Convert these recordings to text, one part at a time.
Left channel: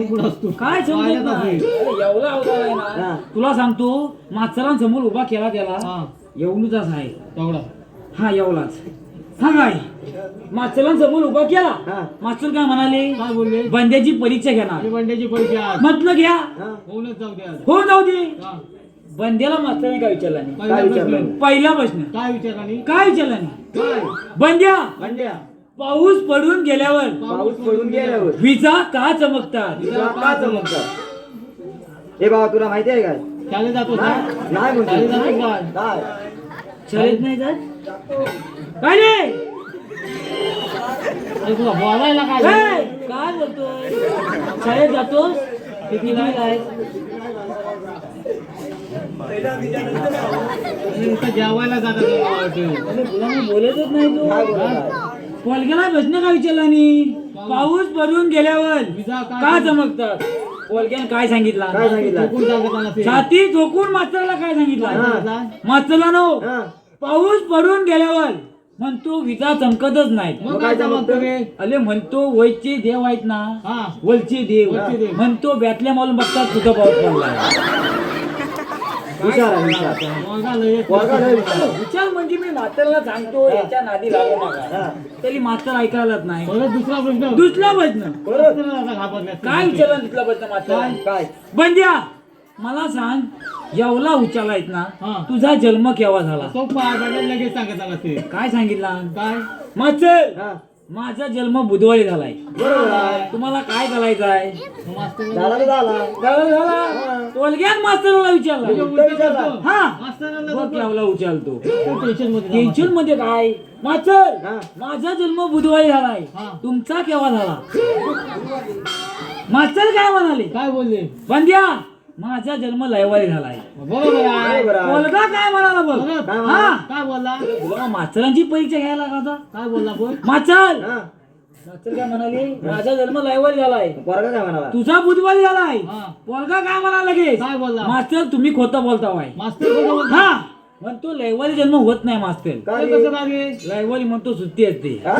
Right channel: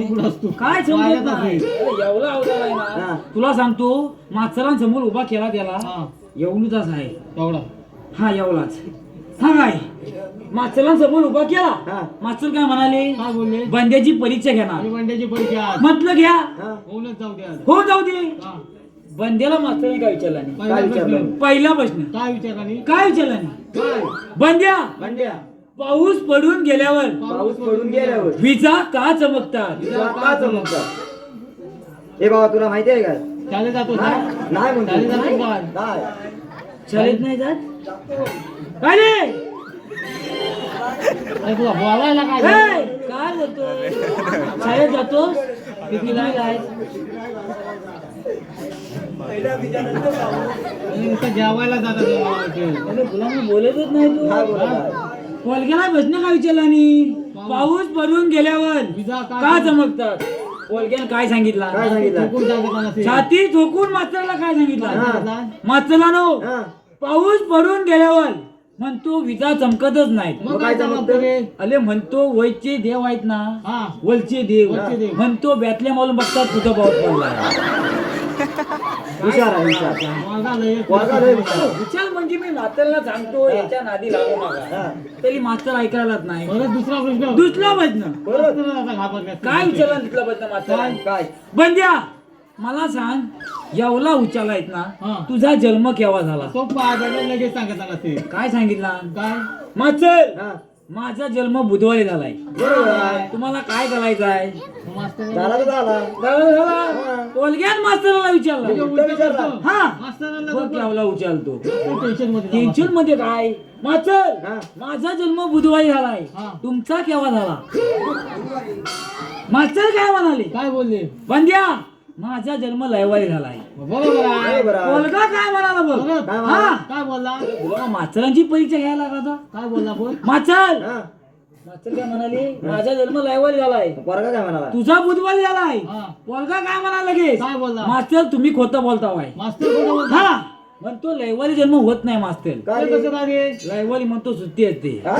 काय समजत नाही. एवढा अवतार आहे ना, तुला सांगतो मास्तरांसमोर उभा केला त्याला एवढाच आहे एवढा. हा एवढाच सांगाय मास्तरांसमोर उभा केला. मास्तर काय म्हणाले? काय बोलले? बंद्याची परीक्षा घेणार. बंड्याची परीक्षा आज. म्हटलं घ्या. होऊनच जाऊ द्या. हो जाऊ दे. बंद्याला मास्तरांनी काय विचारला नाही. पहिला प्रश्न काय विचारला नाही? काय विचारला नाही? बंद्या पाऊस पडून गेल्यावर विजा का चमकतात? हे बाबा तुला माहिती आहे का? शाळेत जातो का? नाही म्हणतो. शाळेत जातो का? नाही. शाळेत नाही जात काय रे? तुला बोलायला काय झालं? ए, काय बोलतोय? शाळेत जातोस? कितीला आहे? नुसतं जेवायला जातात. अरे तुला मी बोलतच नाही तू. काय बोलत आहे? पोलग्याला प्रश्न काय विचारला नाही? पाऊस पडून गेल्यावर विजा का चमकतात? पोलग्यानं काय सांगितलं? काय सांगितलं? कोण सांगत नसेल. छाती ठोकून मास्तरला काय सांगितलं? हा. मास्तरला नो हा. पाऊस पडून गेल्यावर म्हणतो विजा चमकतच नाहीत. मग काय जमतं रे? अरे म्हणतो वयचे देव आहेत ना, हा. वलचे देव वलचे देव. म्हणतो बॅतल्या मालून बघतात कुठं पाऊस पडला. हुशार आहे, हुशार. वर्गा लय- वर्गा लय हुशार. विचार म्हणजे मी मास्तरला सांगतो याच्या नादी लागू नका. तरी मास्तर ऐकायलाच नाही. परत दुसरा प्रश्न. दुसरा प्रश्न परत घाबरले. काय विचारला? दुसरा प्रश्न मास्तर काय? बंद्या मला सांग, एवढा उचालायत ना, हा. तुझा जन्म केव्हा झाला? सोपा आहे, म्हणजे लगेच सांगत आला ते. काय सांगितला? काय? मास्तर हा. माझा जन्म बुधवारी झालाय. बरोबर आहे. तुम्हाला काय करायचं आहे? मास्तर झाला तर झाला. झाला. पोलग्यान मास्तराला विचारला. विचारला. हा मास्तरांना बघ केवढा उचालतो. टेन्शन मध्ये टेन्शन मध्ये काय? मास्तर हा. माझा जन्म बुधवारी झालाय. हा. तुमचा केव्हा झाला? मास्तर काय म्हणाले? काय बोलले? बंद्या माझा जन्म लयवारी झालाय. बरोबर आहे. बरोबर आहे. पोलगा काय म्हणाला बघ? परत काय हा काय बोलला? तुला मास्तरांची परीक्षा घ्यायला लागला होता. काय बोलला कोण? मास्तर हा. मास्तर काय म्हणाले? माझा जन्म लयवारी झालाय. पोरगा काय म्हणाला? तुझा बुधवारी झालाय. हा. पोलगा काय म्हणाला लगेच? काय बोलला? मास्तर तुम्ही खोटं बोलतावाय. मास्तर कोण बोलला? हा म्हणतो लयवारी जन्म होत नाही मास्तर. काय? कसं लागे? लयवारी म्हणतो सुट्टी असते. हा?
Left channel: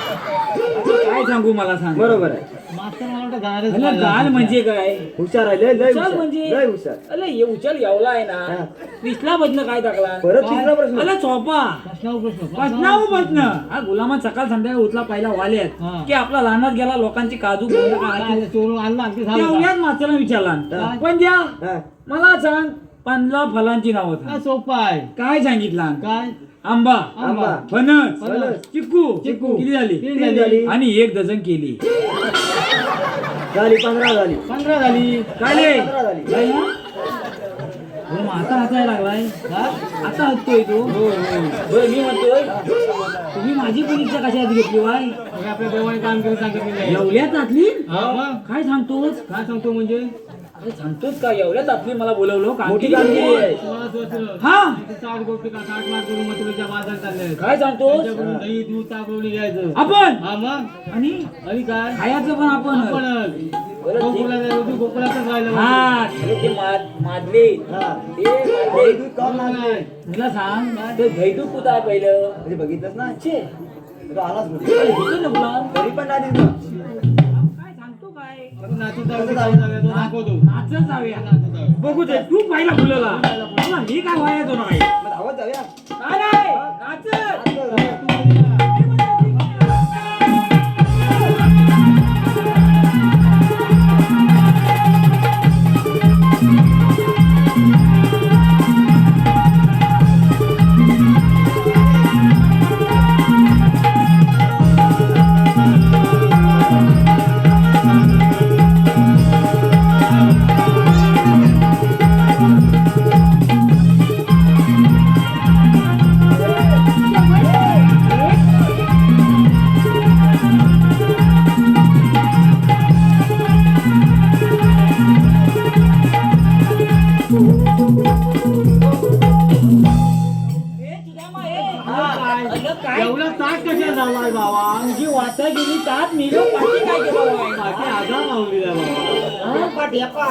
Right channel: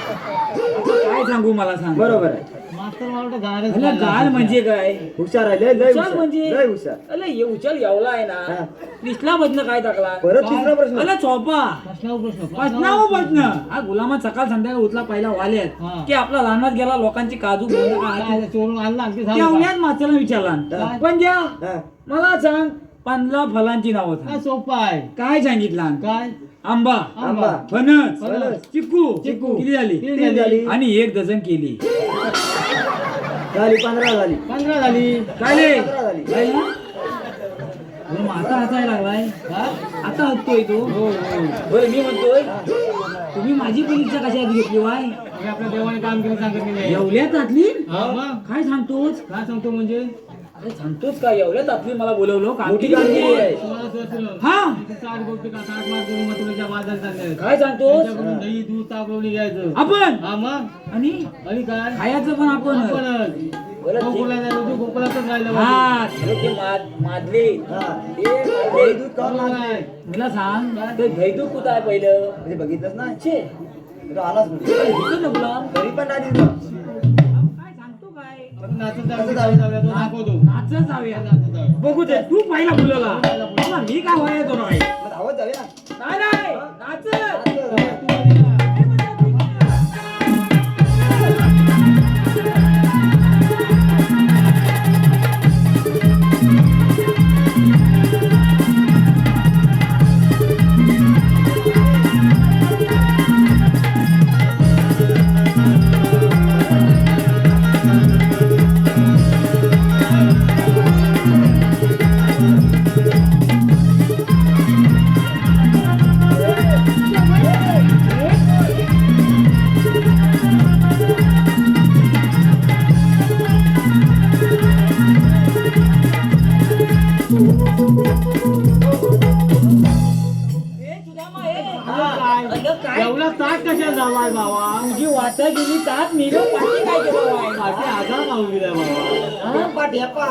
काय सांगू मला सांग. बरोबर आहे. मास्तर मला वाटतं गायरच अरे बोलला. गाल म्हणजे काय? हुशार आहे. लय लय उचल हुशार. म्हणजे लय हुशार. अरे हे उचल एवढा आहे ना. हा. पिछला बदन काय टाकला? परत तिसरा प्रश्न. अरे चोपा प्रश्नावर प्रश्न. प्रश्नावर प्रश्न. हा गुलामा सकाळ संध्याकाळ उठला पहिला वाल्यात हा. की आपला लहानात गेला लोकांची काजू बोंड काय काय चोरून आणला आणखी झालं का? तेवढ्यात मास्तराला विचारला हा. पण द्या हा. मला सांग 15 फलांची नावं काय सांग. सोपं आहे? काय सांगितलं? काय? आंबा, आंबा. फणस, फणस. चिक्कू चिक्कू. किती झाली? किती झाली? आणि 1 डझन केली. झाली 15 झाली. 15 झाली. काय रे? 15 झाली. झाली ना? बरं, मग आता हसायला लागलाय. हा? आता हसतोय तो. बरं मी म्हणतोय तुम्ही माझी परीक्षा कशात घेतली वाय? मग आपल्या देवाने काम केलं सांगितलेलं. एवढ्यात आतली? हा मग? काय सांगतोस? काय सांगतो म्हणजे? अरे सांगतोस का? एवढ्यात आतली मला बोलवलं का? मोठी कामगिरी आहे. तुला असं असलं. हा इथे 60 गोष्टी का 60 मार्क करून मग तुला बाजार चालले. काय सांगतोस? त्यांच्याकडून दही दूध ताकवणी घ्यायचं. आपण हा मग? आणि आणि काय? खायचं पण आपण. आपणच. बरं, ठीक. गोकुळाला जायचं, तू गोकुळातच राहिलं हा पाहिजे. खरं ते मादले हा. ते मादले. दूध काढून बरोबर आणते. आहे. मला सांग ते धैतू कुठं आहे पहिलं? म्हणजे बघितलंच ना. छे तो आलाच कुठे. अरे इथं नको. तरी पण नाही दिसला. काय सांगतो काय? आपण नाचत जाऊया, तो दाखवतो. नाचत जाऊया. नाचत जाऊया. बघू दे तू पहिला बोलवला. मला मी काय व्हायला तो नाही. मग धावत जाऊया. काय नाही नाचत. एवढा ताट कशा झाला बाबा? तुझी वाटा गेली तात मिलो पाठी काय केलं वाय? पाठी आधार लावून दिला बाबा.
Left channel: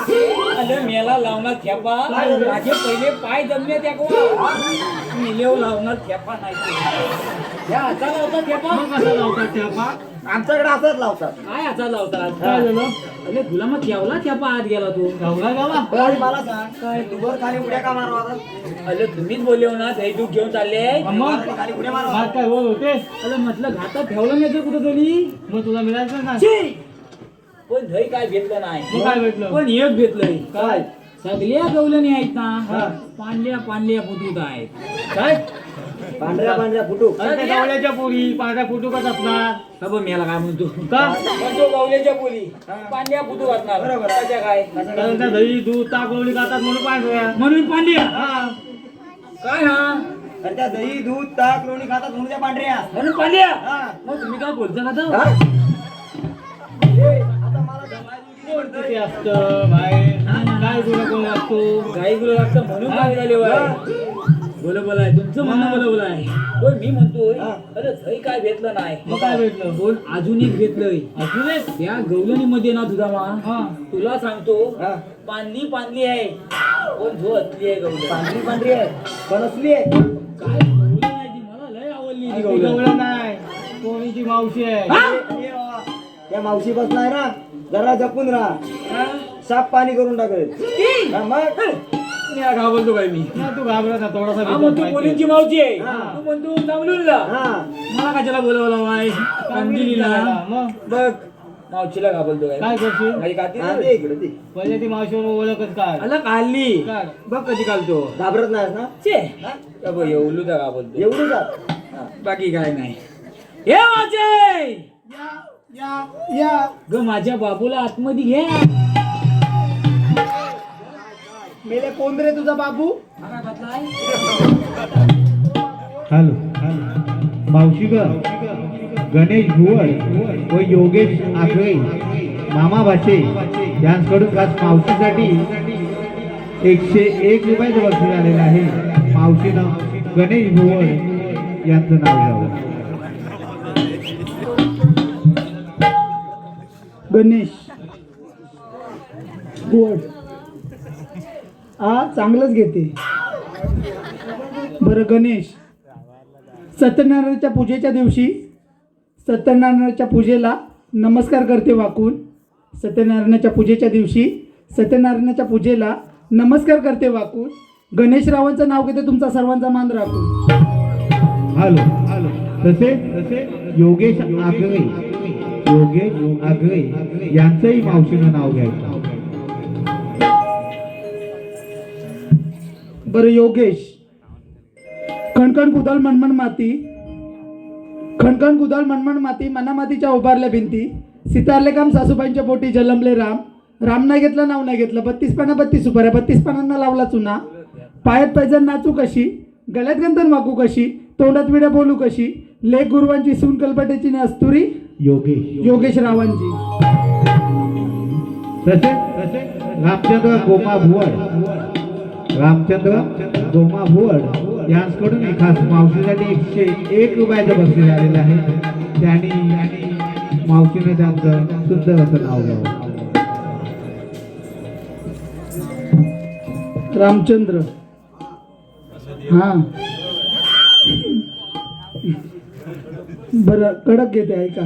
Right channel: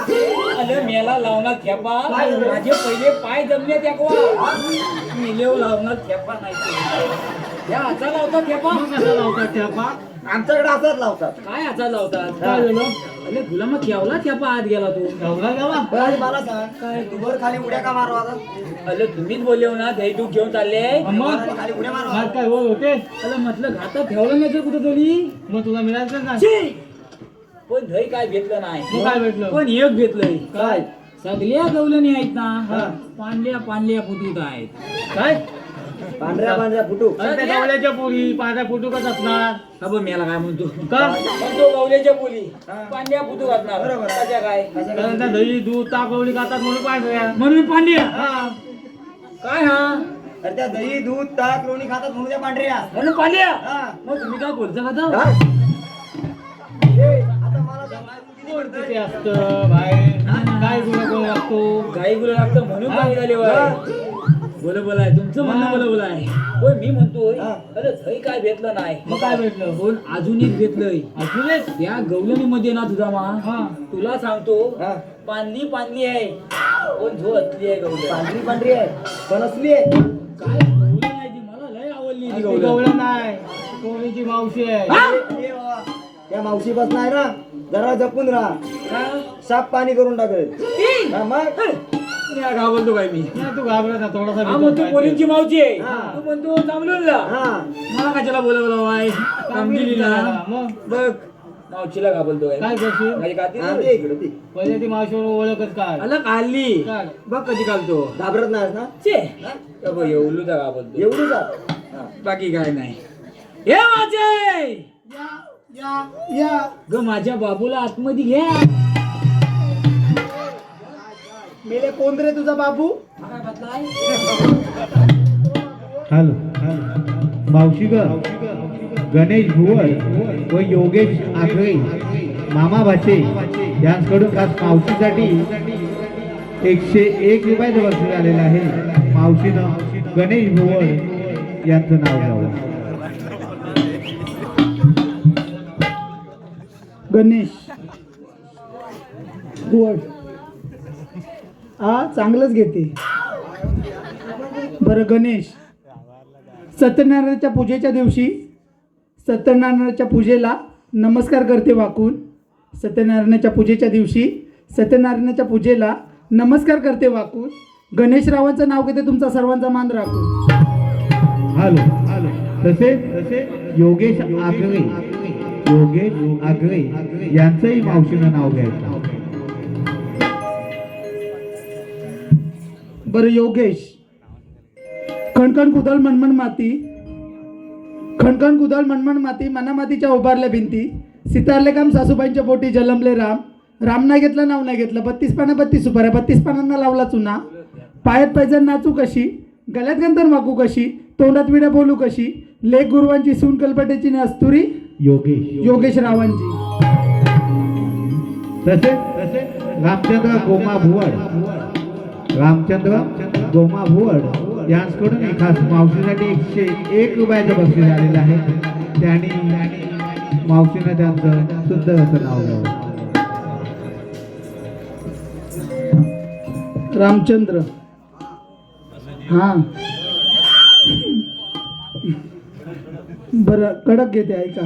अरे मेला लावणार थेपा माझे पहिले पाय जमले त्याकवा मिलेव लावणार थेपा नाही या हाता लावतात थेपा. मग कसा लावतात ठेपा? आमच्याकडे असंच लावतात. काय हाता लावतात? काय झालं? अरे तुला मग केवला ठेपा आत गेला तू गावला गावा बरं, आधी मला सांग काय तू वर खाली उड्या का मारवा आता? अरे तुम्हीच बोलले हो ना दही तू घेऊन चालले मग वर खाली उड्या मारवा. भात काय वर होते अरे म्हटलं घाटात ठेवलं नाही तर कुठं तरी मग तुला मिळायचं ना पण दही काय घेतलं नाही मग काय भेटलं पण एक घेतलंय काय सगळ्या गवलनी आहेत हा. ना पांढऱ्या पांढऱ्या फुटूट आहेत काय पांढऱ्या पांढऱ्या फुटू अरे त्या गावल्याच्या पोरी पांढऱ्या फुटू कच असणार हा बघ मी याला काय म्हणतो का म्हणतो गवल्याच्या बोली पांढऱ्या फुटू घातणार बरोबर. त्याच्या काय कारण त्या दही दूध ताक गवळी खातात म्हणून पांढऱ्या म्हणून पांढऱ्या हा काय हा अरे त्या दही दूध ताक लोणी खातात म्हणून त्या पांढऱ्या म्हणून पांढऱ्या हा. मग तुम्ही काय बोलता का तो? हा? ए, आता मला सांग, किती असतं बाहेर काय तुला कोण असतो गाई गुला लागतं म्हणून काय झाले बोला बोला आहे तुमचं म्हणणं बोला बोला आहे होय मी म्हणतोय हा. अरे दही काय घेतलं नाही मग काय भेटलं पण अजून एक घेतलंय असू दे त्या गवलनीमध्ये ना तुझा मा हा तुला सांगतो हा. पांढरी पांढरी आहे पण झो असली आहे गवलं पांढरी पांढरी आहे पण असली आहे काय गवलं नाही ती मला लय आवडली ती ती गवलं गवळण नाही कोणीची मावशी आहे हा? ए बाबा, त्या मावशी बस नाही ना जरा जपून राहा हा? साफ पाणी करून टाकेल ती? हा, मग मी हा घाबरतो काय मी नाही तू घाबरत ना थोडासा हा म्हणतो मुलींची मावची आहे हा. तू म्हणतो चांगलूनला हा मला कशाला बोलवलं वाय कामगिरीला मग बघ मावशीला घाबरतो काय काय करशील माझी काती हा, ते इकडे ते पहिले ती मावशीवर ओळखच काय आला काढली काय? बघ कधी काढतो घाबरत नाही ना छे का बघ एवढू तर घाबरतो एवढं जात हा. बाकी काय नाही हे माझे या ग माझ्या बाबूला आतमध्ये घ्या मेले कोण रे तुझा बाबू हा काय बदलाय हॅलो मावशी ग गणेश भुवर व योगेश आगळे मामा भाचे यांच्याकडून आज मावशीसाठी 101 रुपयाचं बक्षीस आलेलं आहे. मावशीनं गणेश भुवर यांचं नाव घ्यावं. गणेश गोड हा चांगलंच घेते बरं गणेश सत्यनारायणाच्या पूजेच्या दिवशी सत्यनारायणाच्या पूजेला नमस्कार करते वाकून सत्यनारायणाच्या पूजेच्या दिवशी सत्यनारायणाच्या पूजेला नमस्कार करते वाकून गणेशरावांचं नाव घेते तुमचा सर्वांचा मान राखून हॅलो तसे योगेश आगळे यांचंही मावशीनं नाव घ्यायचं. बरं योगेश खणखण कुदल मनमन माती खणखण कुदल मनमन माती मना मातीच्या उभारल्या भिंती सितारले काम सासूबाईंच्या पोटी जलमले राम नाही घेतलं नाव नाही घेतलं 32 पाना 32 सुपाऱ्या 32 पानांना लावला चुना पायात पैजण नाचू कशी गळ्यात गंधर मागू कशी तोंडात विड्या बोलू कशी लेख गुरुवांची सून कलपटेची नस्तुरी योगेश रावांची तसे रामचंद्र गोमा भुवड यांच्याकडून खास मावशीसाठी 101 रुपयाचं बक्षीस आलेलं आहे. त्यांनी मावशीनं त्यांचं सुंदर असं नाव घ्यावं. रामचंद्र हा बरं कडक घेते ऐका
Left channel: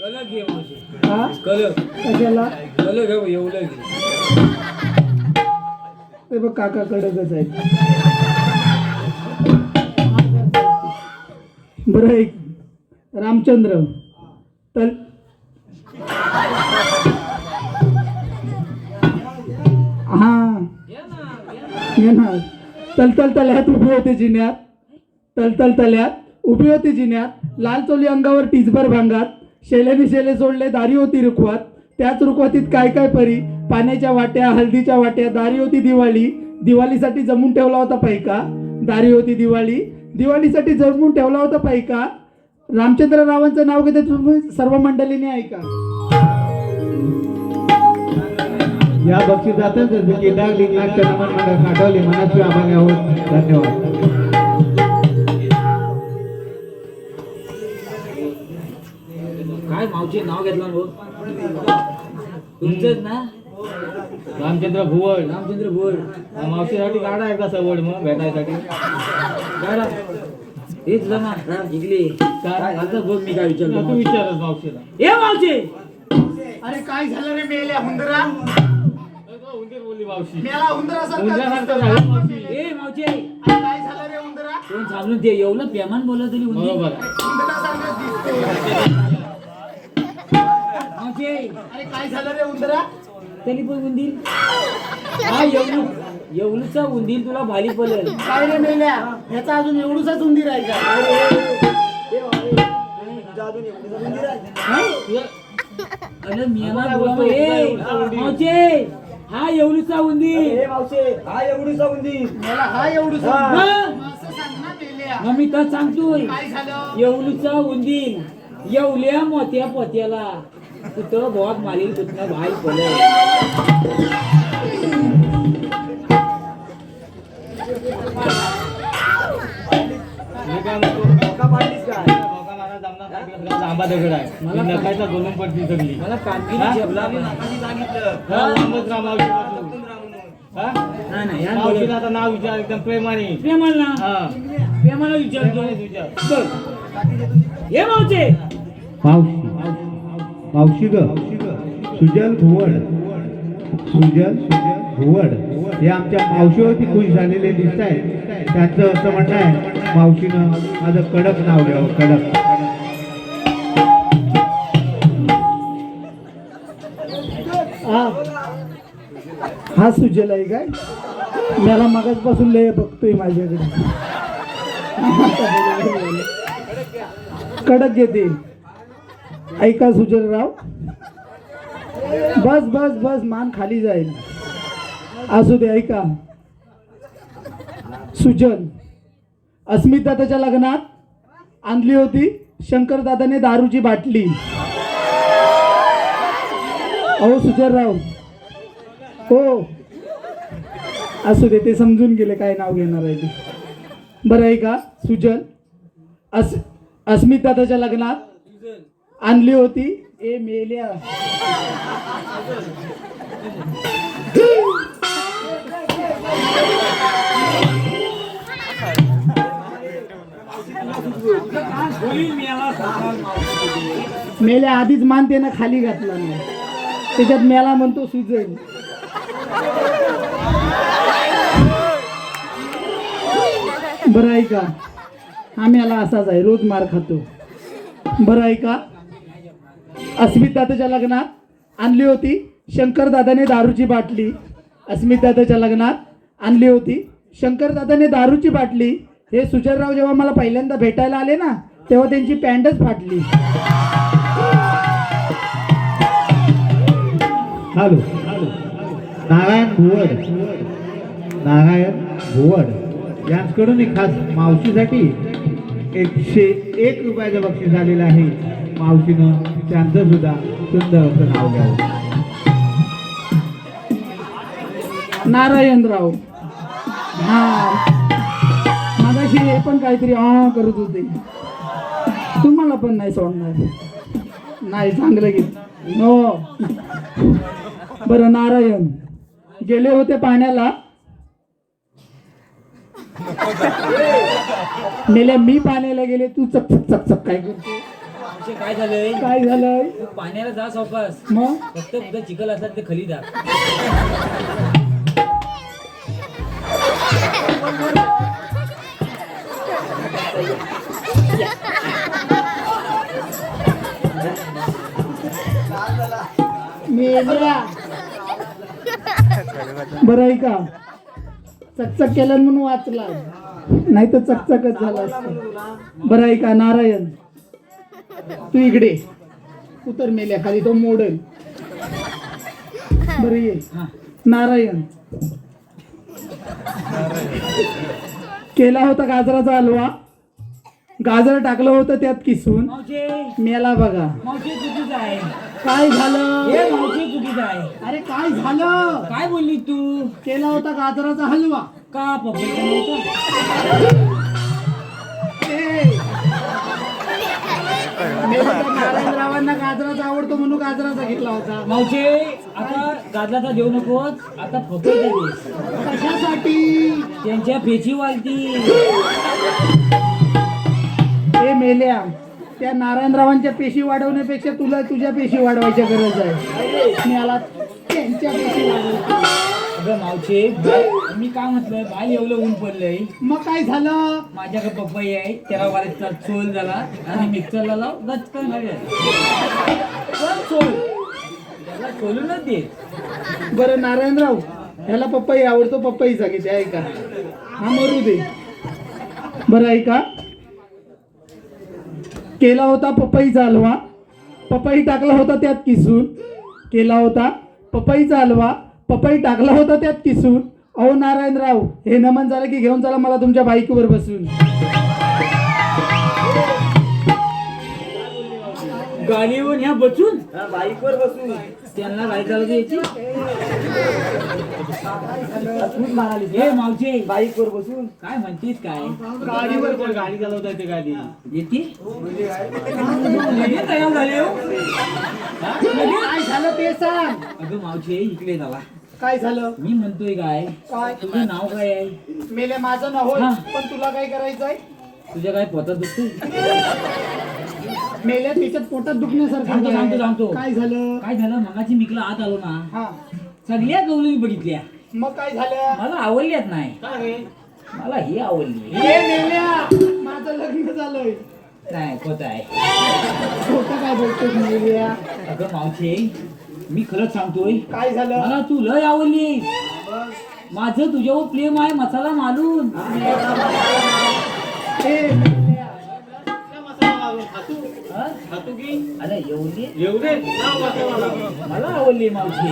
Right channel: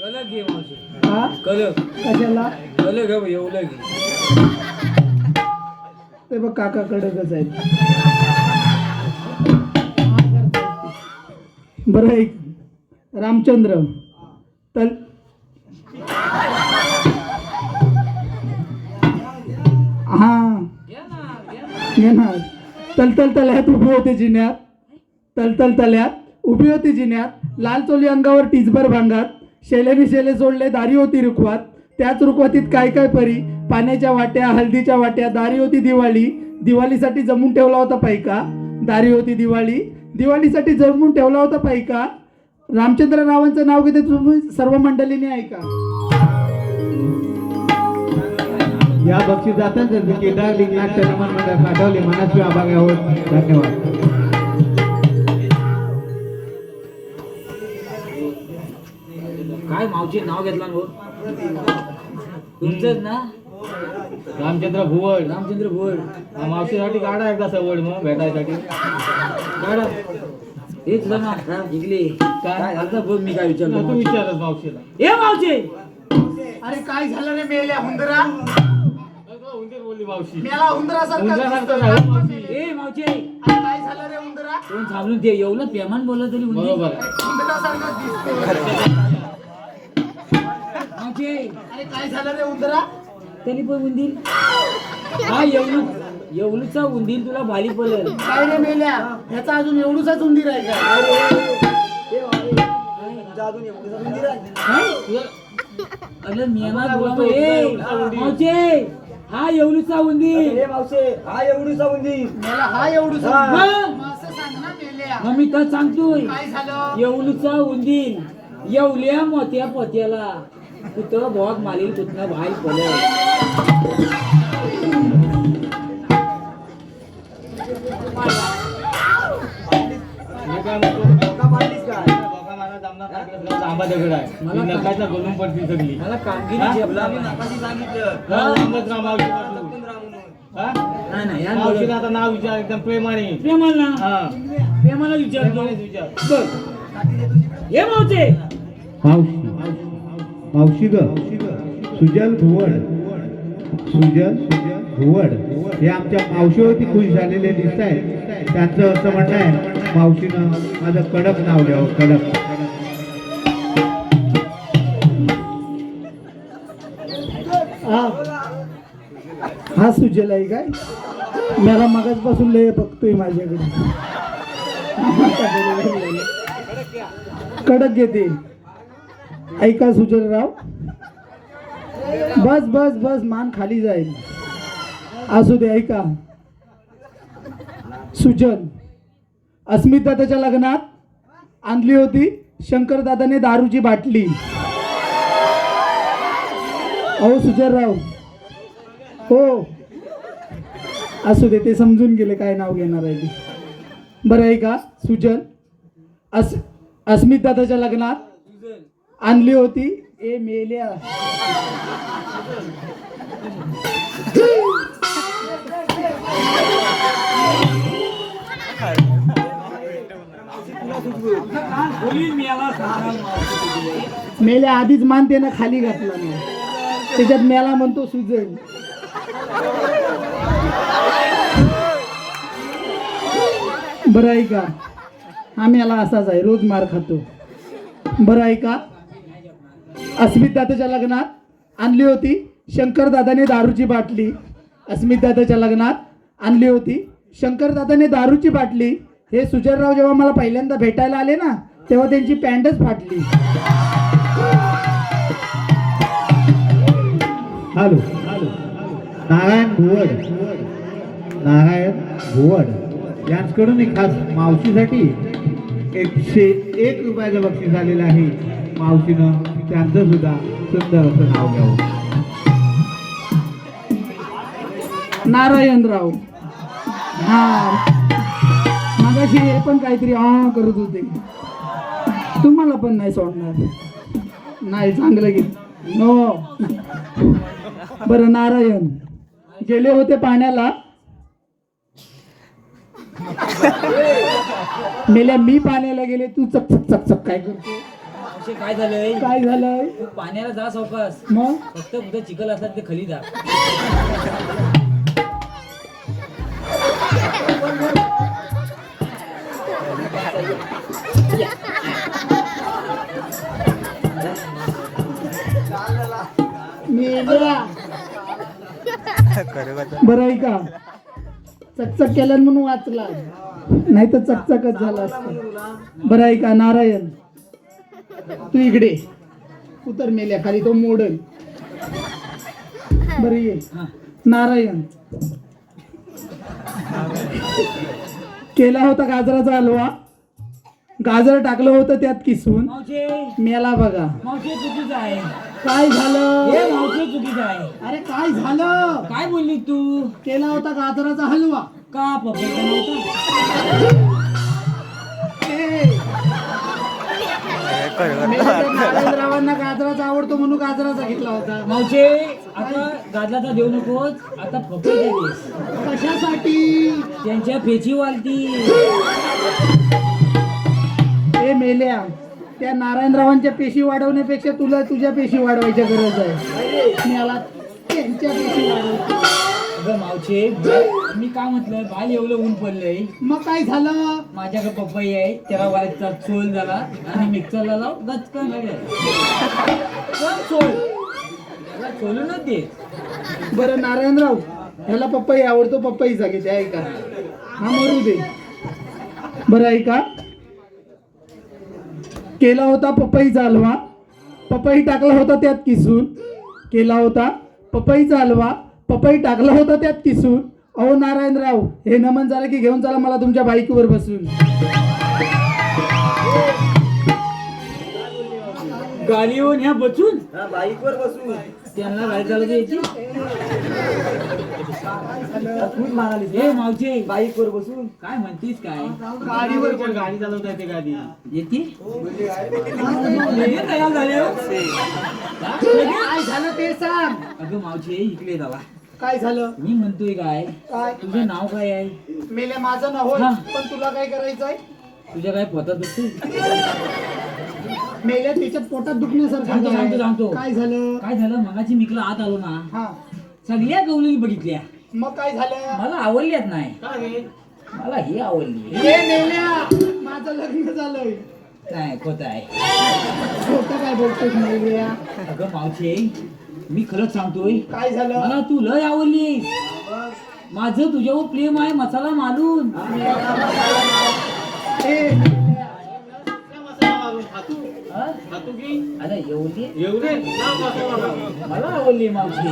कलक घे मावशी. हा कलक कशाला कलक घे एवढं घे ते बघ काका कडकच आहेत बरं ऐक रामचंद्र तल हा येणार तलतल तल्यात उभी होते जिन्यात तलतल तल्यात उभी होती जिन्यात लाल चोली अंगावर टिचभर भांगात शेलेनी शेले सोडले दारी होती रुखवात त्याच रुखवातीत काय काय परी पाण्याच्या वाट्या हळदीच्या वाट्या दारी होती दिवाळीसाठी जमून ठेवला होता पायका दारी होती दिवाळीसाठी जमून ठेवला होता पायका रामचंद्र रावांचं नाव घेते तुम्ही सर्व मंडळीने ऐका या बक्षिसातच केदार लिंगनाथ तनमन मंडळ पाठवले मनस्वी आभार आहोत. धन्यवाद. काय मावशी नाव घेतलं भाऊ तुमचंच ना रामचंद्र भुवड रामचंद्र बोल मावशीसाठी काढा एकदा सवड मग भेटायसाठी गाडा हेच बघ ना जिंकली काय आता बघ मी काय तू विचारतो विचारच मावशीला ए मावशी अरे काय झालं रे मेल्या हुंदरा मेला हुंदरासारखं ए मावशी काय झालं रे हुंदरा कोण थांबून ते एवढं प्रेमान बोलत तरी हुंदरासारखं दिसतोय मावशी अरे काय झालं रे हुंदरा तरी पण उंदीर हा एवढूचा उंदीर तुला भारी पडेल. काय रे मेल्या ह्याचा अजून एवढूचाच उंदीर आहे का अजून एवढं मंदिर आहे. अरे मियाला तुला ए मावशी हा एवढूचा उंदीर ए मावशे हा एवढीचा उंदीर मेला हा एवढूचा हा. मग असं सांग ना मेल्या मग मी तर सांगतोय काय झालं एवढूचा उंदीर एवढ्या मोठ्या पोत्याला कुठं भोग मारील कुठनं भाई पडेल. का मारलीस काय जांबा दगड आहे मला नकायचा बनून पडती सगळी मला कामगिरी तुला मी झेपला नाकाशी सांगितलं नाही नाही यार मावशीला बोलत. आता नाव विचार एकदम प्रेमाने प्रेमाला हा प्रेमाला विचारतो विचार बघ हे मावशी मावशी ग सुजल भुवड हे आमच्या मावशीवरती खुश झालेले दिसत आहे. त्यांचं असं म्हणणं आहे मावशीनं माझं कडक नाव घ्यावं कडक. हा सुजल आहे काय मला मगाचपासून लय बघतोय माझ्याकडे कडक घेते ऐका सुजलराव बस बस बस मान खाली जाईल असू दे ऐका सुजल अस्मित दादाच्या लग्नात आणली होती शंकर दादाने दारूची बाटली अहो सुजलराव हो असू दे ते समजून गेले काय नाव घेणार आहे ते बरं आहे का सुजल अस्मित दादाच्या लग्नात आणली होती ए मेल्या मेल्या आधीच मान त्यानं खाली घातला नाही त्याच्यात मेला म्हणतो सुजल बरं आहे का हा मेला असाच आहे रोज मार खातो बरं आहे का अस्मित दादाच्या लग्नात आणली होती शंकर दादाने दारूची बाटली अस्मित दादाच्या लग्नात आणली होती शंकर दादाने दारूची बाटली हे सुजलराव जेव्हा मला पहिल्यांदा भेटायला आले ना तेव्हा त्यांची पॅन्टच फाटली हॅलो नारायण भुवड यांच्याकडून एक खास मावशीसाठी 101 रुपयाचं बक्षीस आलेलं आहे. मावशीनं त्यांचं सुद्धा सुंदर असं नाव घ्यावं. नारायणराव हा मागाशी हे पण काहीतरी हा करत होते तुम्हाला पण नाही सोडणार नाही चांगलं घे नो बरं नारायण गेले होते पाण्याला मेल्या मी पाण्याला गेले तू चकचक चकचक काय करतो मावशी काय झालंय काय झालंय तू पाण्याला जा सावकाश मग फक्त कुठं चिखल असतात ते खाली जा. मेल्या बरं आहे का चकचक केलं म्हणून वाचला नाही तर चकचकच झाला असता. बरं आहे का नारायण तू इकडे उतर मेल्या खाली तो मोडल बरं ये नारायण केला होता गाजराचा हलवा गाजर टाकलं होतं त्यात किसून मावशी मेला बघा मावशी चुकीचं आहे काय झालं हे मावशी चुकीचं आहे. अरे काय झालं काय बोलली तू केला होता गाजराचा हलवा का पपईचा नव्हता नारायणरावांना गाजराचा आवडतो म्हणून गाजराचा घेतला होता मावशी आता गाजराचा देऊ नकोस आता पपईचा दे. कशासाठी त्यांच्या फेची वालती ते मेल्या त्या नारायणरावांच्या पेशी वाढवण्यापेक्षा तुला तुझ्या पेशी वाढवायची गरज आहे. मला त्यांच्या पेशी वाढवायच्या. अगं मावशे, मी काय म्हटलं, बाल एवढं ऊन पडलंय, मग काय झालं? माझ्याकडे पपई आहे, त्याला वाला चोल झाला आणि मिक्सरला लाव गचकन लागेल. पण चोल त्याला चोलूनच दे. बरं नारायणराव, ह्याला पपई आवडतो, पपईचा किती आहे का? हा मरू दे. बरं आहे का? केला होता पपईचा हलवा, पपई टाकला होता त्यात किसून. केला होता पपईचा हलवा, पपई टाकला होता त्यात किसून. अहो नारायणराव, हे नमन झालं की घेऊन चला मला तुमच्या बाईकवर बसून. गाडीवर ह्या बसून बाईकवर बसू त्यांना गाडी चालवता यायची. खूप म्हणाली ए मावशे, बाईकवर बसून काय म्हणतीस काय? गाडीवर पण गाडी चालवता येते गाडी. येते लगेच तयार झाले हो. हा? लगेच? काय झालं ते सांग. अगं मावशे, इकडे झाला. काय झालं? मी म्हणतोय काय, काय? तुझं नाव काय आहे? मेले माझं नाव होय, हा. पण तुला काय करायचंय? तुझ्या काय पोटात दुखतो? मेल्या त्याच्यात पोटात दुखण्यासारखं सांगतो, काय? सांगतो, सांगतो. काय झालं? काय झालं, मगाची मिकला आत आलो ना, हा, सगळ्या गवळी बघितल्या, मग काय झालं? मला आवडल्यात नाही. मला ही आवडली. हे मेल्या, माझं लग्न झालंय. नाही, खोट आहे. खोटं काय बोलतोस मेल्या? अगं मावशे, मी खरंच सांगतोय, काय झालं? मला तू लय आवडली. माझं तुझ्यावर प्रेम आहे, मसाला मालून. हे मेल्या, हा? अरे एवढी मला आवडली मावशी.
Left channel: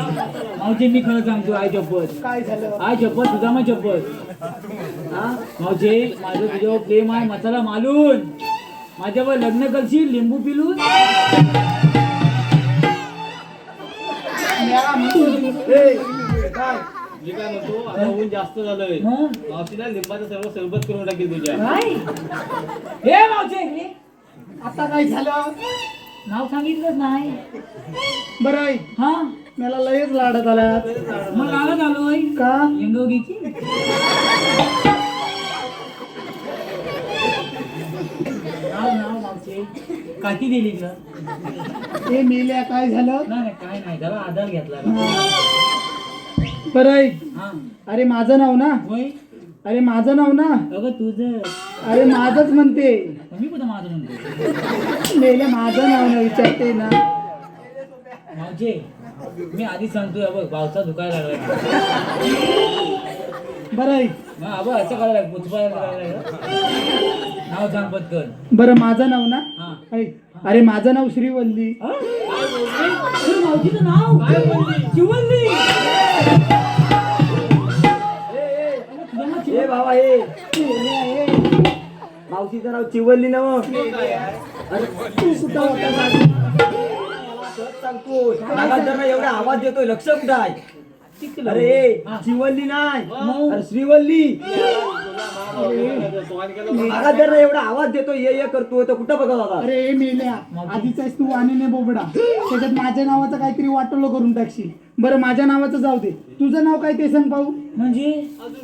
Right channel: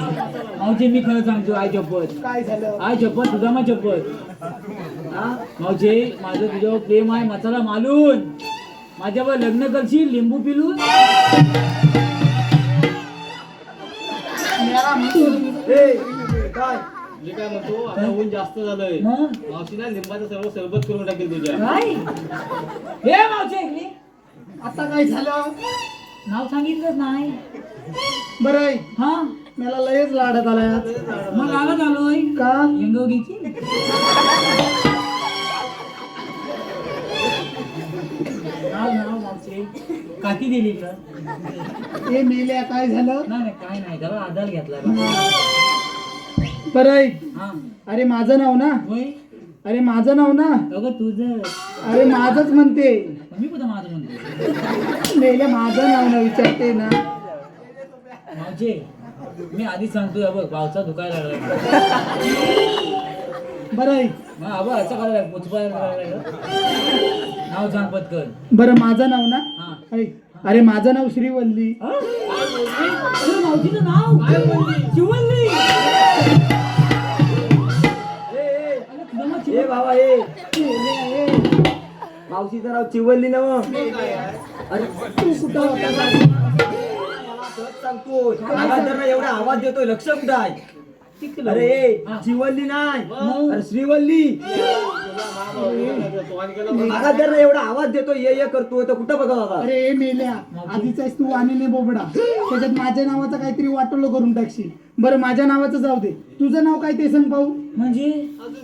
मावशी, मी खरं सांगतो, आय शपथ, काय झालं? आय शपथ, तुझा मग शपथ. हा मावशी, माझं तुझ्यावर प्रेम आहे, मसाला मालून. माझ्यावर लग्न करशील, लिंबू पिलून. मेला म्हणतो, ए, काय मी काय म्हणतो, आता ऊन जास्त झालंय. मग मावशीला लिंबाचं सर्व सरबत करून टाकेल तुझ्या. काय? हे मावशी, इकडे. आता काय झालं? नाव सांगितलं नाही. बरं आहे, हा, मला लयच लाडत आल्या. मग आलं झालोय का? इंदोरीची. नाव मावशी, काठी दिली का? हे मेल्या, काय झालं? नाही काय नाही, जरा आधार घेतला. बरं आहे, हा, अरे माझं नाव ना, होय. अरे माझं नाव ना, अगं तुझं, अरे माझंच म्हणते. मी कुठं माझं म्हणतो? मेल्या, माझं नाव ना विचारते ना. माझे, मी आधीच सांगतोय, बघ पावसा धुकायला लागला. बरं आहे, मग अगं असं करायला पुचपायला लागला. नाव सांग पटकन. बरं माझं नाव ना, हा. आहे. अरे माझं नाव श्रीवल्ली. हा? अरे मावशीचं नाव काय बोलली? शिवल्ली. ए बाबा, ए मावशीचं नाव चिवल्ली ना. मग अरे तू कुठं होता? सांगतो, त्यांना एवढा आवाज देतोय, लक्ष कुठं आहे? अरे चिवल्ली नाही, अरे श्रीवल्ली. त्यांना एवढा आवाज देतोय, ये करतो, तर कुठं बघा बाबा. अरे मेल्या, आधीच आहेस तू वाणीने बोबडा, त्याच्यात माझ्या नावाचं काहीतरी वाटोलं करून टाकशील. बरं माझ्या नावाचं जाऊ दे, तुझं नाव काय ते सांग पाहू. म्हणजे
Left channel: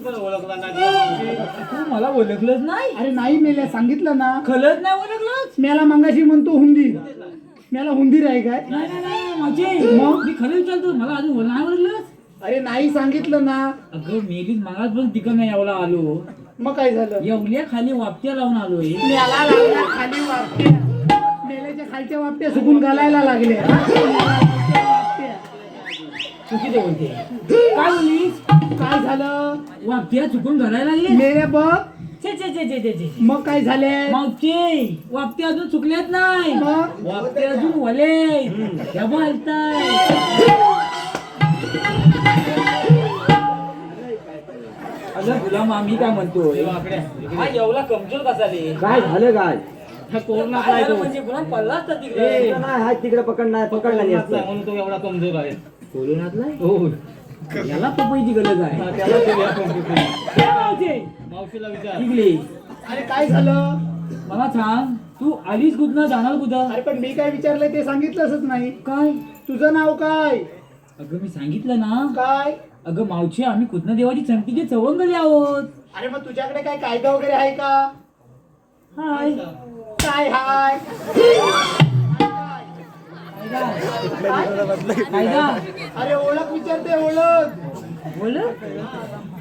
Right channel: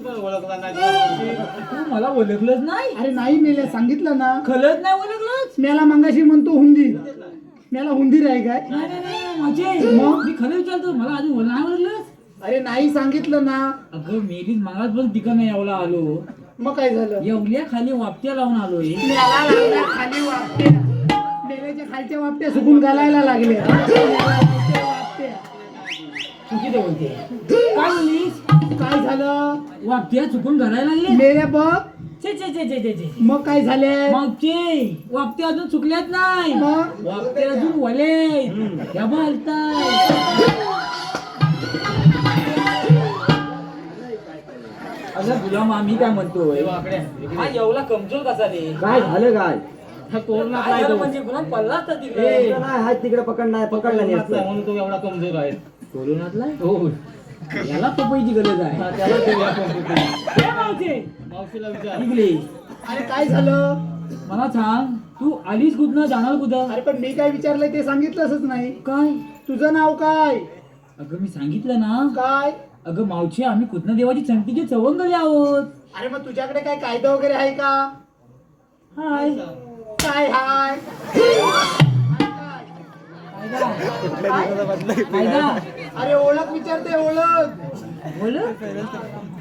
ओळखला नाही. तू मला ओळखलंच नाही? अरे नाही मेल्या, सांगितलं ना. खलच नाही ओळखलंच? मेला मंगाशी म्हणतो हुंदीर, मेला हुंदीर आहे काय? नाही माझे, मग? मी खरं विचारतो, मला अजून नाही ओळखलंच. अरे नाही सांगितलं ना. अगं मेलीच मगाच पण तिकडनं यावला आलो, मग काय झालं? एवढ्या खाली वापट्या लावून आलोय. मेला लागल्या खाली वापट्या, मेल्याच्या खालच्या वापट्या सुकून घालायला लागल्या. तू किती बोलते? काय बोललीस? काय झालं? वापट्या चुकून घालायला लागली. मेल्या बघ, छे छे छे छे छे छे. मग काय झालंय? मागचे वापट्या अजून चुकल्यात नाही, मग? वापट्या अजून वले त्या बोलताय. अगं तुला मामी काय म्हणतोय, हा एवढा कमजोर कसा रे? काय झालं काय? काय झालं म्हणजे गुन्हा पडला असता तिकडे. नाही, हात तिकडे पकडला नाही असतं. म्हणून तो एवढा कमजोर आहे. कोरोनातलाय हो, याला पपईची गरज आहे. त्याला ते व्याप मावशे, मावशीला विचार. इकडे अरे काय झालं? मला सांग, तू आलीस कुठनं, जाणार कुठं? अरे पण मी काय विचारलंय ते सांगितलंच नाही. काय? तुझं नाव काय? अगं मी सांगितलं ना. काय? अगं मावशी, आम्ही कुठनं देवाची संगतीचे सवंगले आहोत. अरे मग तुझ्याकडे काय कायदा वगैरे आहे का? हाय. काय हाय कायदा अरे ओळख विचारते ओळख बोल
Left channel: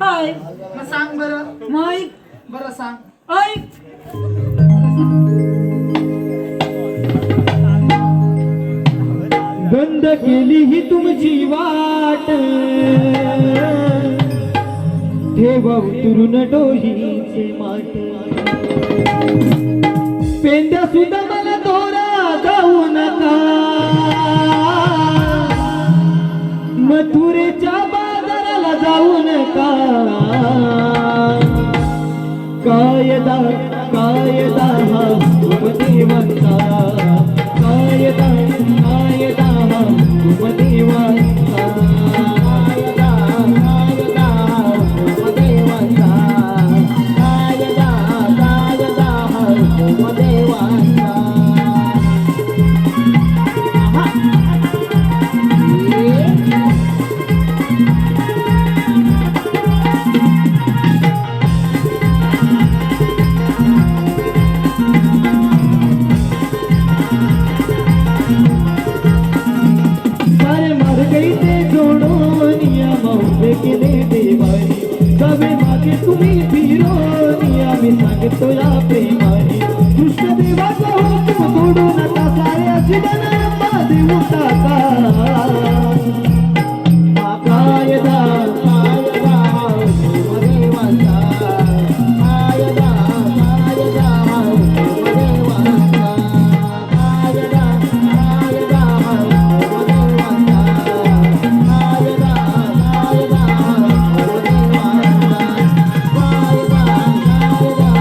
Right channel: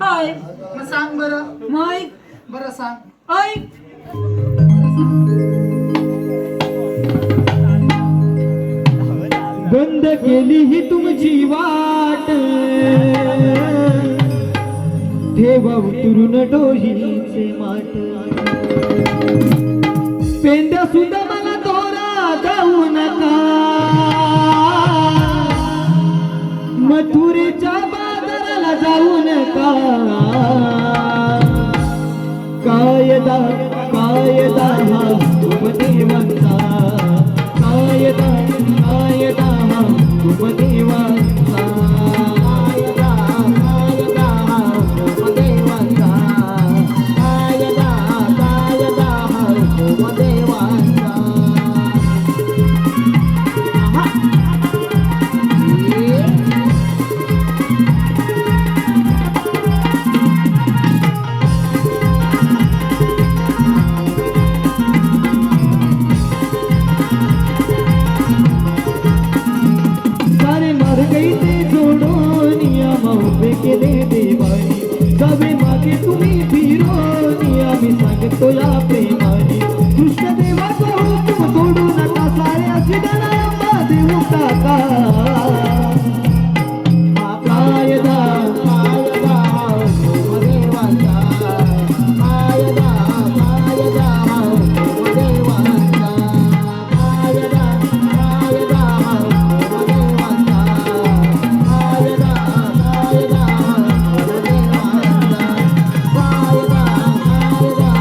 हाय मग सांग बरं माईक बरं सांग ऐक बंद केली ही तुमची वाट ठेवा उतरून डोहीचे माट पेंड्या सुद्धा मला तोरा जाऊ नका मथुरेच्या बाजाराला जाऊ नका कायदा कायदा हा देवांचा कायदा कायदा हा देवांचा कायदा कायदा हा देवांचा कायदा कायदा हा देवांचा सारे मार गई ते जोडोनिया माऊबे केले देवानी जावे मागे तुम्ही फिरोनिया मी सांगतो या प्रेमाने कृष्ण देवाचा हुकूम सोडू नका साऱ्या जीवनाला देऊ टाका कायदा कायदा देवाचा कायदा कायदा देवाचा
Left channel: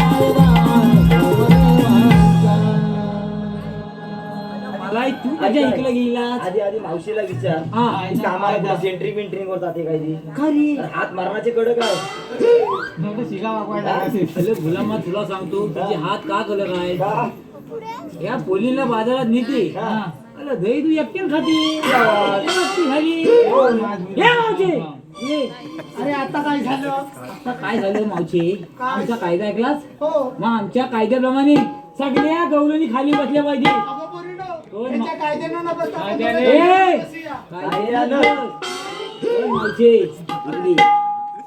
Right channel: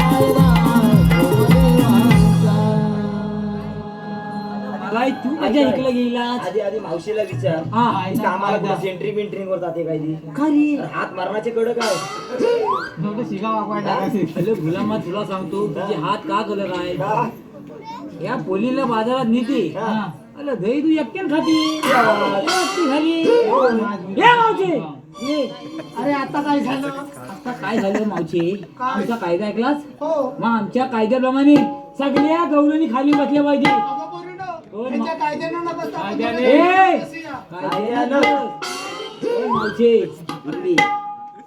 कायदा मला तू माझ्या ऐकलं गेला आधी आधी मावशीला विचार हा कामाला सेंट्री बिंट्रिंग वर जाते काय ती खरी हात मारण्याचे कडक काय अरे गुलामा तुला सांगतो तुझे हात का कलर आहे या पोलीला बाजारात नेते अरे दही तू एकट्यान खाती एकटी खाली ये मावशी ये. अरे आता काय झालं आता काय झालं मावशी आमचा कायदा ऐकलास हो मग आमच्या कायद्याप्रमाणे सगळ्या गवळणी खाली बसल्या पाहिजे अगो पोरीनो, ह्याच्या कायद्यानं न बसता आपण कायद्याने. दोघं ए! बसूया. कायद्यानं. ए, मावशी आपली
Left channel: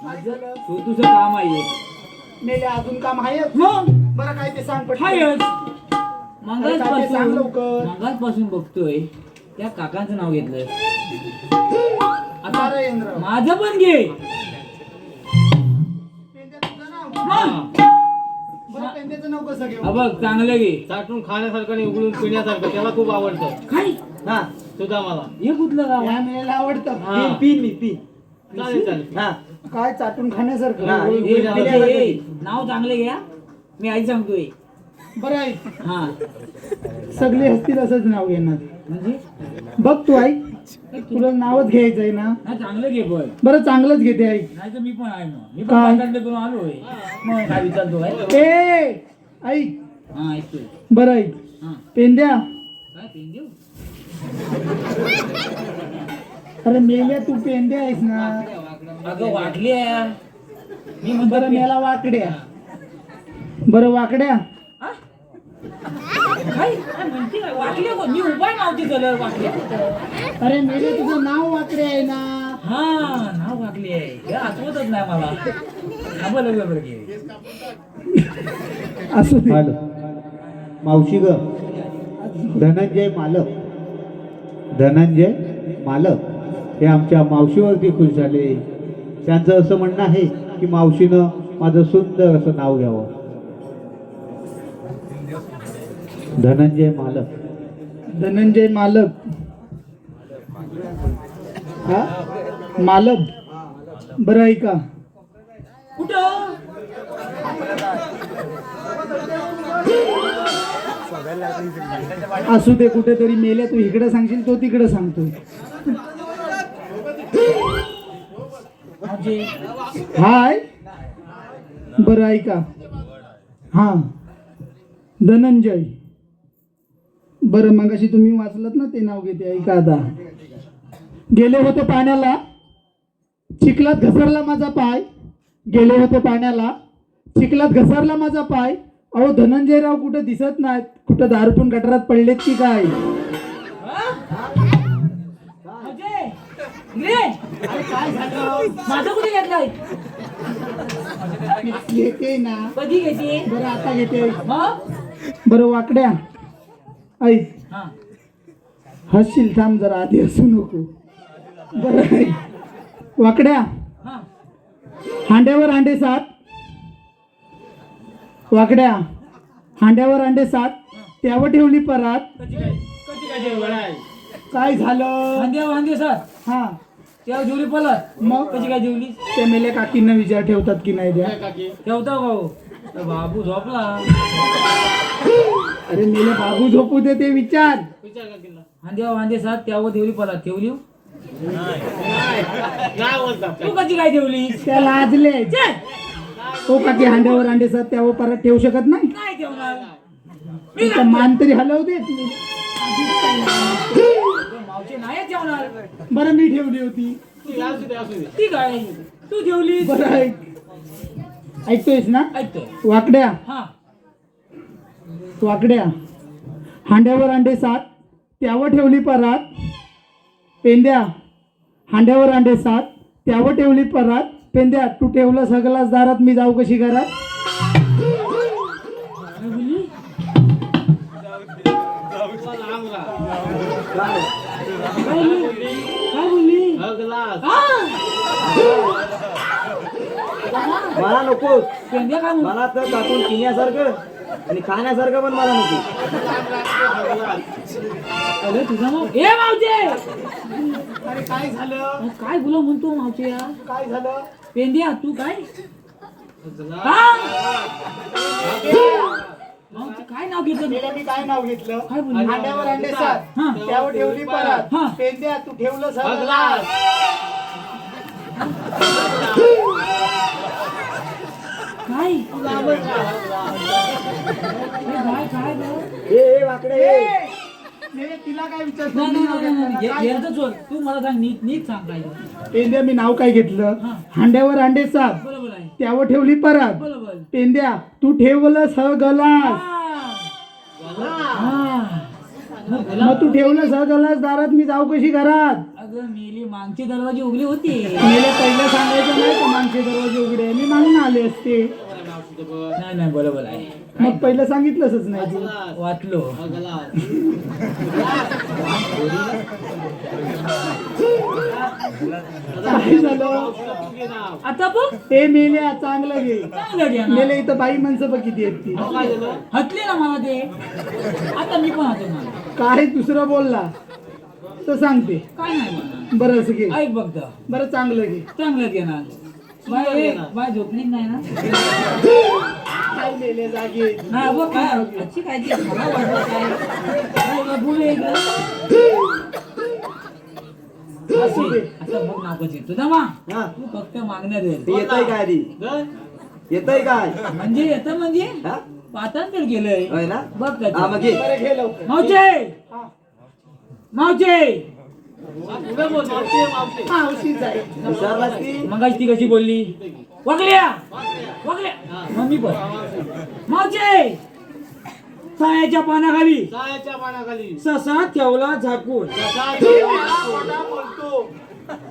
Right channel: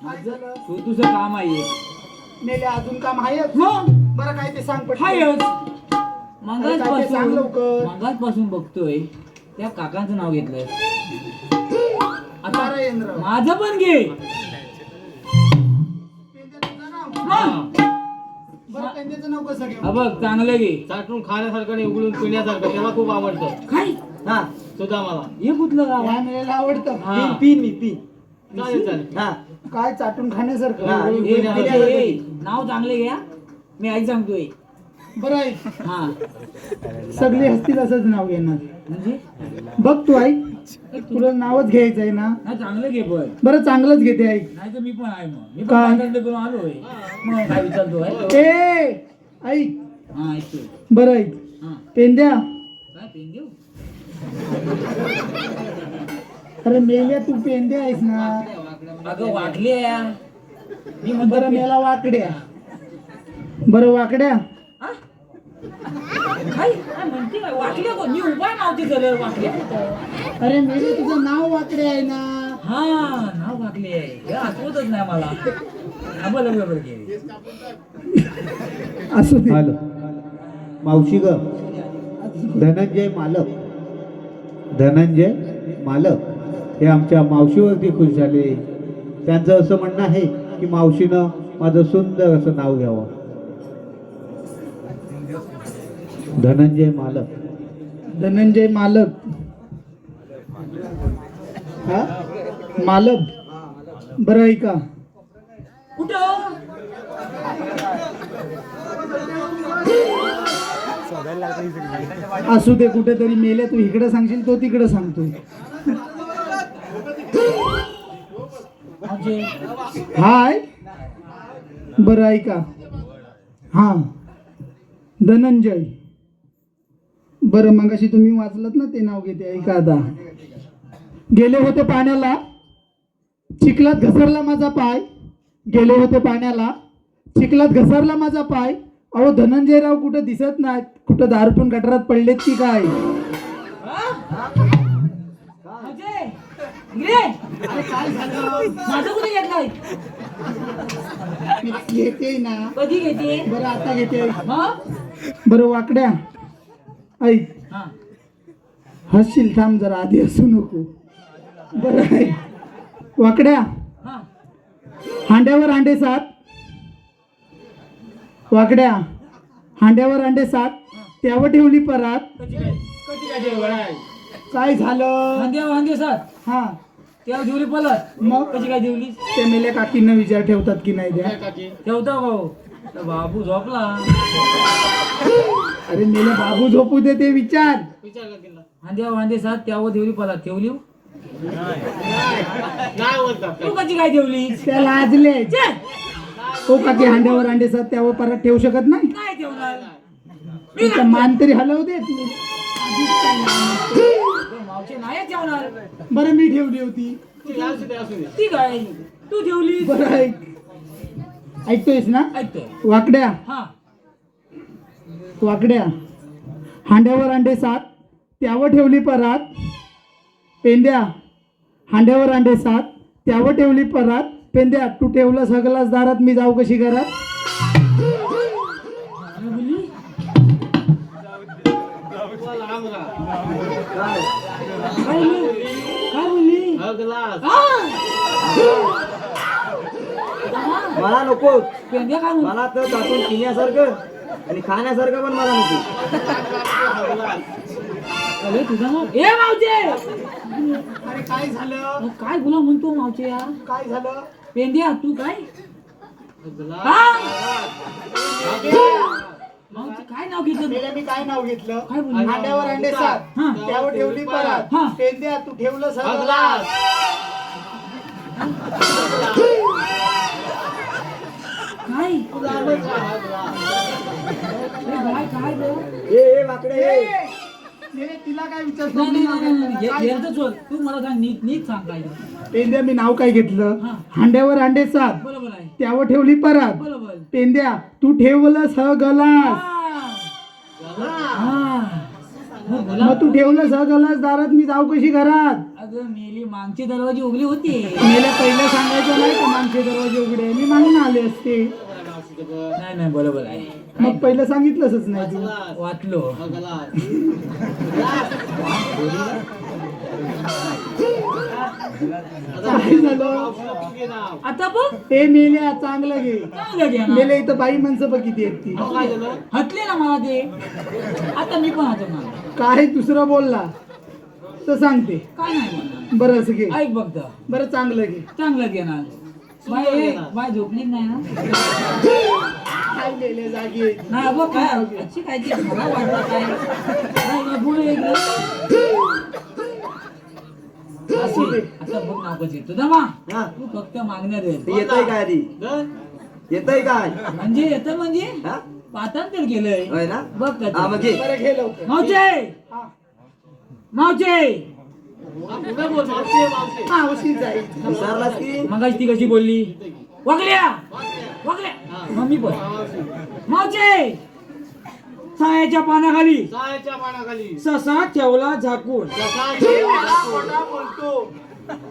माझं छोटूस काम आहे मेले अजून काम आहे मग बरं काय ते सांग पटकन. हायच अरे काय ते सांग लवकर. मागासपासून बघतोय त्या काकांचं नाव घेतलंय आता नारायणराव. माझं पण घे पेंद्या तुझं नाव? मग. बरं पेंद्याचं नाव कसं घेऊ हा बघ चांगलं घे चाटून खाण्यासारखं आणि उघडून पिण्यासारखं त्याला खूप आवडतं काय हा सुद्धा मला हे कुठलं गाव या मेलेला आवडतं हा. पी मी पी चालेल चालेल हा काय चाटून खाण्यासारखं हा. उघडून हे पिण्यासारखं. मावशी, ए, नाव चांगलं घ्या मी आई सांगतोय बरं आहे हा सगळे हसतील असंच नाव घेणार म्हणजे बघ तू आई तुला नावच घ्यायचं आहे ना हा चांगलं घे पण बरं चांगलंच घेते आई नाही तर मी पण आहे मग मी काय? पण बाजारला करून आलोय मग काय विचारतो ए आई हा ऐकतोय बरं आई हा पेंद्या काय पेन देऊ अरे मेल्या तू पेंद्या आहेस ना अगं वाटली मी बरं म्हणतो मेला वाकड्या बरं वाकड्या काय म्हणते वाटल्या गं? मी उभा नव्हती झालं वाटल्या अरे मेले तुझं नाव वाकडे आहे ना हा नाव वाटली आहे हे आठवतच नाही मला थांबा लवकर घे असू दे हॅलो मावशी ग धनंजय मालक धनंजय मालक हे आमच्या मावशीवरती खुश झाले त्यांचं असं म्हणणं आहे की मावशीनं माझं सुंदर असं नाव घ्यावं धनंजय मालक धनंजय मालक हा मालक बरं आहे का कुठं असू दे कुठेतरी मेल्या तू इकडे सांगशील तो तिकडे सांगतो म्हणजे हाय बरं आहे का हा धनंजय बरं मगाशी तुम्ही वाचलत ना ते नाव घेते ऐका आता गेले होते पाण्याला चिखलात घसरला माझा पाय गेले होते पाण्याला चिखलात घसरला माझा पाय. अहो धनंजयराव कुठे दिसत नाहीत. कुठं दारू पण गटारात पडलेत की काय? अजय, इकडे. अरे काय झालं? माझं कुठे घेतलंय? घेते ना. कधी घेते? बरं आता घेते. मग? बरं वाकड्या ऐक, हा. हसशील थांब जरा, आधी हसू नको. बरं ऐक. वाकड्या, हा. हांड्यावर अंडे 7. वाकड्या, हांड्यावर अंडे 7. त्यावर ठेवली परात. कधी काय जेवण आहे? काय झालं? वांदे सर हा तेव्हा जेवली पलत. मग कशी काय जेवली? ते मेले काकींना विचार ठेवतात की नाही द्या. ठेवता का हो? तर बाबू झोपला. अरे मेले बाबू झोपू दे, ते विचार. वांदे सात त्यावर देवली पलत ठेवली. नाही बोलतात तू कशी काय जेवली? त्या लाजले. तो काकी हांड्यावर अंडे 7 त्यावर परत ठेवू शकत नाही. काय ठेवणार? तुमचा मान तरी हलवू दे. मावशी नाही ठेवणार. बरं मी ठेवली होती. ती काय तू जेवली? बरं ऐक, ऐकतोयस ना? ऐकतोय. वाकड्या, हा. वाकड्या, हांड्यावर अंडे 7 त्यावर ठेवली परात. पेंद्या, हांड्यावर अंडे 7 त्यावर ठेवली परात. पेंद्या, तू ठेवलं सगळाच दारात, मी जाऊ कशी घरात? काय बोलली? लांब राहा. काय बोलली? काय बोलली? मला नको. पेंद्या काय म्हणतो? मला तर त्यातून पिण्यासारखं आणि खाण्यासारखं पण मला नको. अरे तुझा नाव ए मावचे. अरे काय झालं? काय बोला म्हणतो मावचे यार? काय झालं? पेंद्या तू काय? हा? मावचे काय नाव घेतलं? मी काय नाव घेतलं? काय बोलली? हांड्यावर अंडे 7 हा. त्यावर ठेवली परात. हा. पेंद्या, तू ठेवलं सगळं. काय? काय काय गं? ए वाकडे ए. नाही, तिला काय विचारतो? नाही. येतं सोड. तू मला सांग नीट नीट सांग काय झालं. पेंद्या, मी नाव काय घेतलं? हा. हांड्यावर अंडे 7 बरोबर आहे. त्यावर ठेवली परात. बरोबर. पेंद्या, तू ठेवलं गलास. मग तू ठेवलं गलास दारात, मी जाऊ कशी घरात? अगं मेली मागचे दरवाजे उघडे होते. मला पहिलं सांगायचं नाही का मागचे दरवाजे उघडे? मी मागून आले असते. नाही बरोबर आहे. मग पहिलं सांगितलंच नाही तू. वाचलो. काय झालं? आता पण ते मेल्या, चांगलं घे. चांगलं घ्या ना. मेले इथं बाई माणसं बघ किती आहेत ती. हटले ना मला ते. आता मी पण हटव मला. काय दुसरं बोलला तर सांगते. काय नाही म्हणणार. बरं असं घे. ऐक बघ तर. बरं चांगलं घे. चांगलं घेणार. बाय झोपलीच नाही ना. काय मेले जागे. नाही बघ काय अच्छी काय ती मला वाटलं काय बोलू एक असं बघ नाव कशी तुझा मा. हा. तू फक्त मागण्या दे. ते येतंय काय आधी? येतंय काय? म्हणजे येतं म्हणजे हा? पाठांतर केलंय. होय ना? बघ हा त्याचं. मग घे. बरं घे लवकर. मावचे हा. मावचे हा, उशीर जाईल. विचारलास ती? मगाशी ती कशी बोलली? वागल्या मम्मी बोल. मावचे सायाच्या पानाखाली ससा ठेवला झाकून. खोटा बोलतो.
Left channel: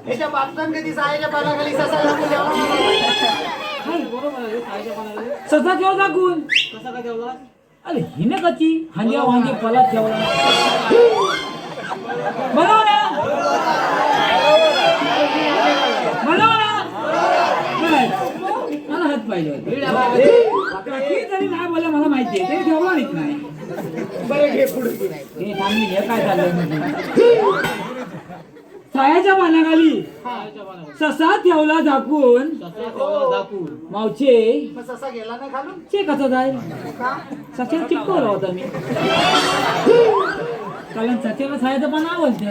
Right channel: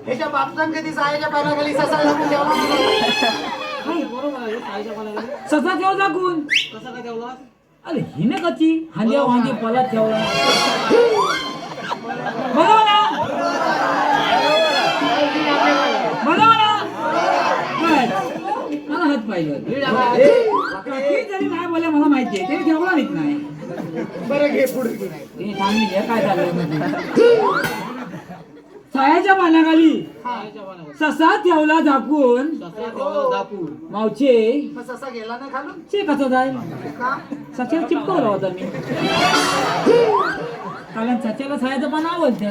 ह्याच्या बापसान कधी सायाच्या पानाखाली ससा लागून द्यावा? ससा ठेवला झाकून. अरे हिने कशी हांड्या वांगे पलात ठेवला. बरोबर ना? बरोबर ना? बस. मला हात पाहिजे होते. काकी तरी नाही बोलले मला माहिती आहे. ते ठेवला नाही. बरं घे पुढे. हे थांबली हे काय झालं? सायाच्या पानाखाली ससा ठेवला झाकून. मावचे मग ससा गेला ना खालून? चे कसा जाईल? सच्याला चिपकवला होता मी. कारण सच्याला सायाचं पान आवडतं.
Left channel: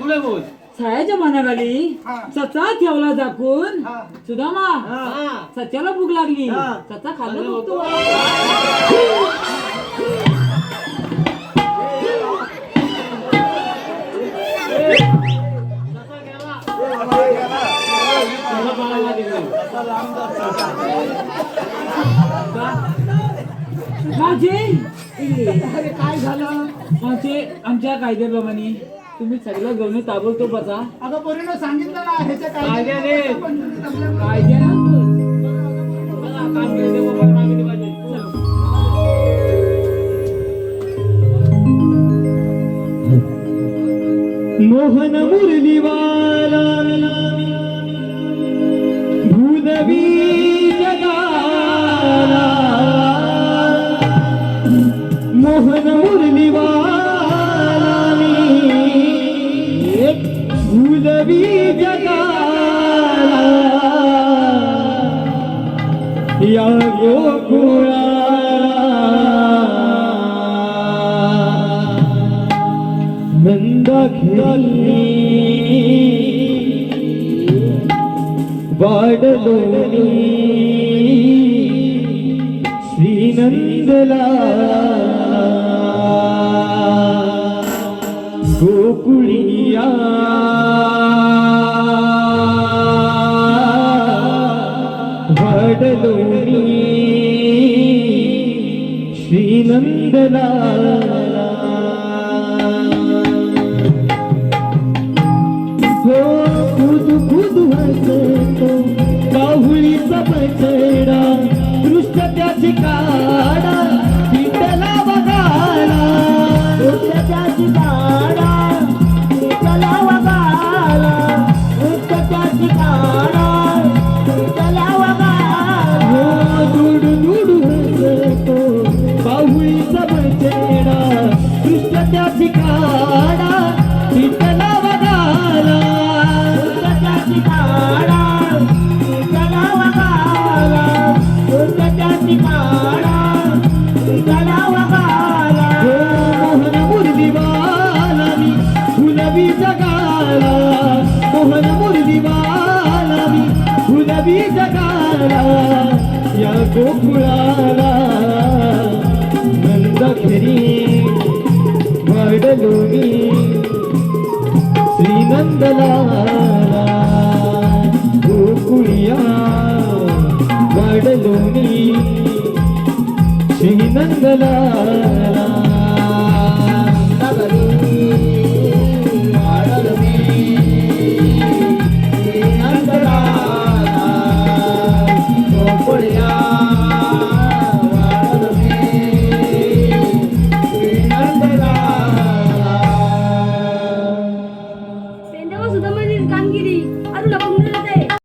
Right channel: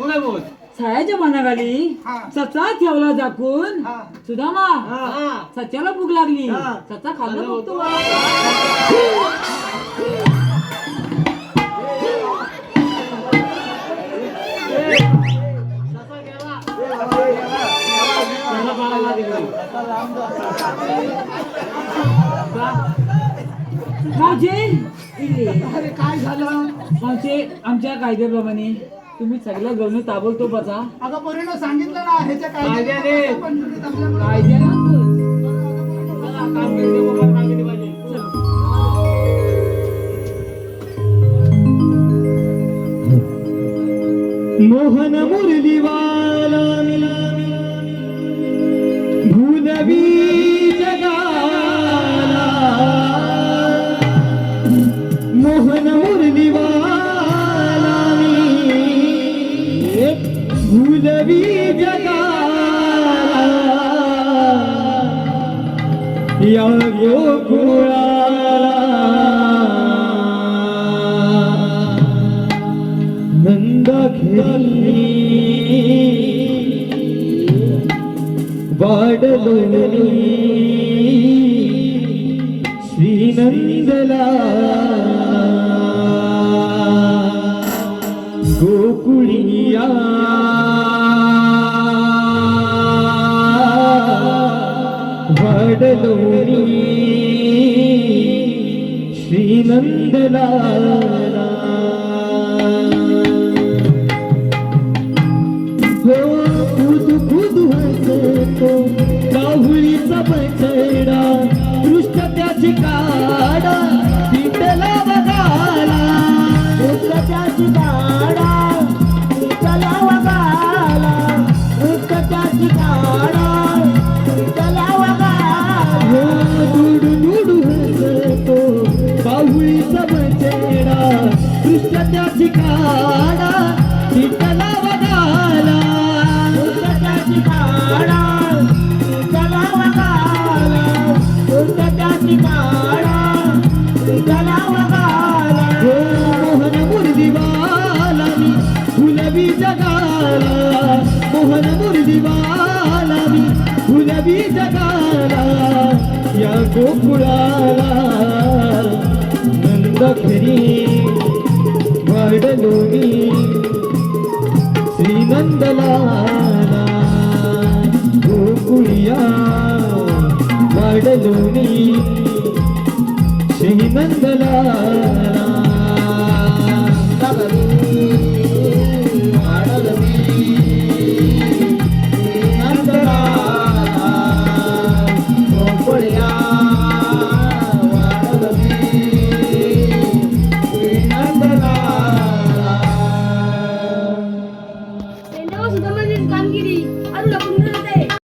पुढे बोल. सायाच्या पानाखाली हा. सचा ठेवला झाकून. हा. सुदामा हा. सच्याला भूक लागली. हा. सचा खाल्लं बघतो. आमच्या कायद्याप्रमाणे तुम्ही सगळ्या गवणी ताबडतोब बसा. अगं पोरीनं सांगितलं ना ह्याच्या कायद्याने. कायद्यानं काम केलं ते मोबाईल मागे पाहिजे. मोहन मुरलीवाला भूनवी जगाला मोहन मुरलीवाला भूनवी जगाला या गोकुळा नंद खेळली वाढलोली श्रीनंदला गोकुळिया वाढलोली श्रीनंदला राहुलीचा बछडा दृष्ट त्याची काडा पिंडला बघाला दृष्ट त्याची काडा पिंडला बघाला दृष्ट त्याची काडा पिंडला बघाला दुडू दुडू हसतो बाहुलीचा बछडा दृष्ट त्याची काडा पिंडला बघाला दृष्ट त्याची काडा मोहन मुरलीवाला गुलाबी जगाला मोहन मुरलीवाला गुलाबी जगाला या गोकुळाला नंद घरी वाढलोनी श्रीनंदलाला गोकुळिया वाढलोनी श्रीनंदलाला